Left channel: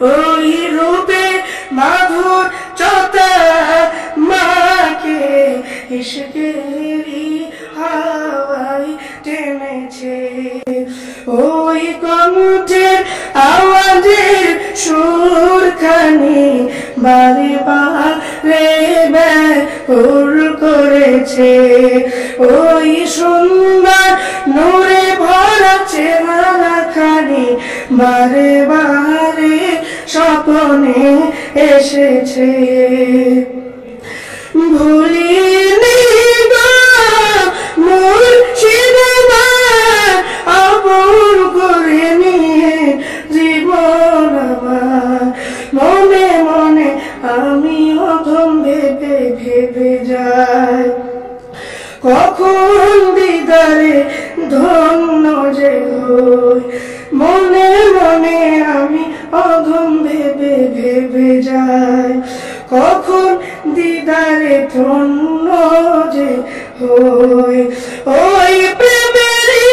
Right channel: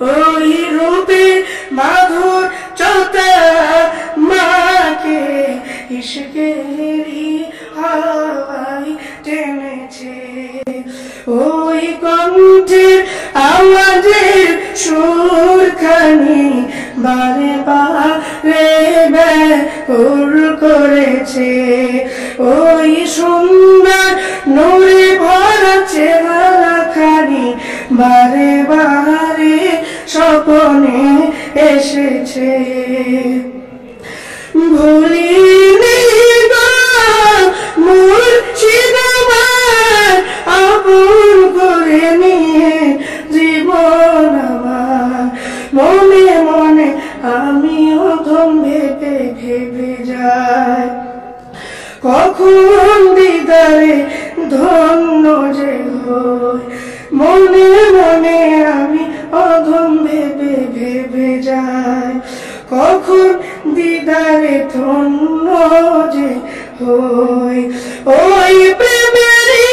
ওই রূপে মাধুর্যতা মাকে ইশকেরি হাওয়ায় টেনেছে। ওই কণ্ঠের আওয়াজের সুরখানি বারে বারে ব্যাকুল করেছে। ওই সুন্দর নূরে ভরা চেহারাখানি বারে বারে স্বপ্নে এসেছে। ভুলিনি মুর্শিদ আমার আপন করে নিয়ে জীবন আমার। মনে মনে আমি অধম ভেবে ভেবে যাই, কখন দিদারে ধন্য যে হই। মনে মনে আমি অধম ভেবে ভেবে যাই, কখন দিদারে ধন্য যে হই। ওই প্রেমেরই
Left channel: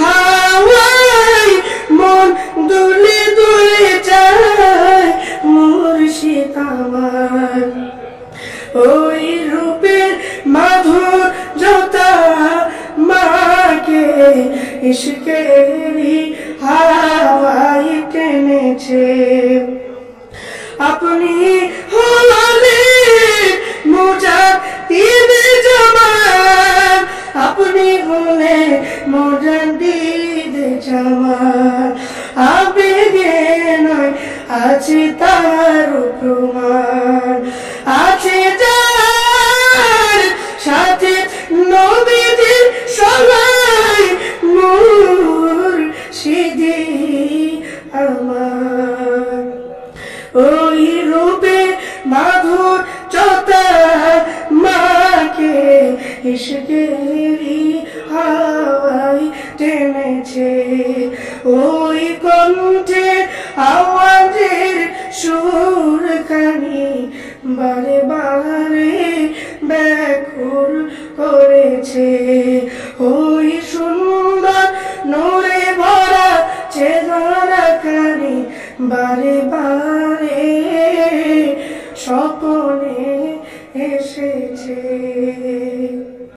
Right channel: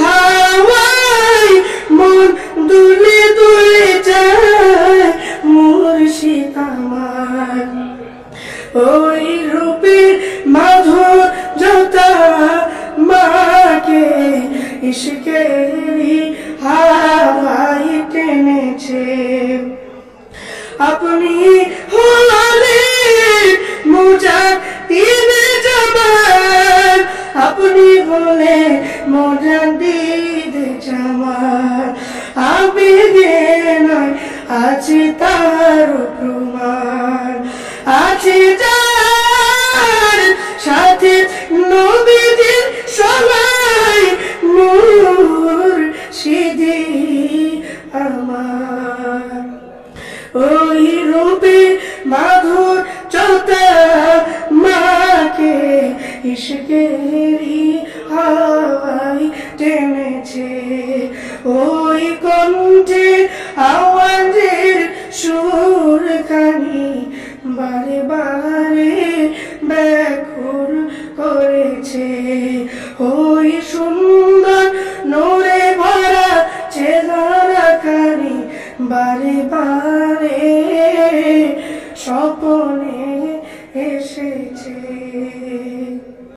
হাওয়ায় মন দুলে দুলে যায় মুর্শিদ আমার। ওই রূপের মাধুর্যতা মাকে ইশকেরি হাওয়ায় টেনেছে। আপনি হলেন মুজাদ্দিদ জামান, আপনি হলেন মুজাদ্দিদ জামান। আবেগে নয় আছে তার প্রমাণ, আছে যার সাথে নবীজির সবাই মুর্শিদি আমার। ওই রূপে মাধুর্যতা মাকে ইশকেরি হাওয়ায় টেনেছে। ওই কণ্ঠে আওয়াজের সুরখানি বারে বারে ব্যাকুল করেছে। ওই সুন্দর নূরে ভরা চেহারাখানি বারে বারে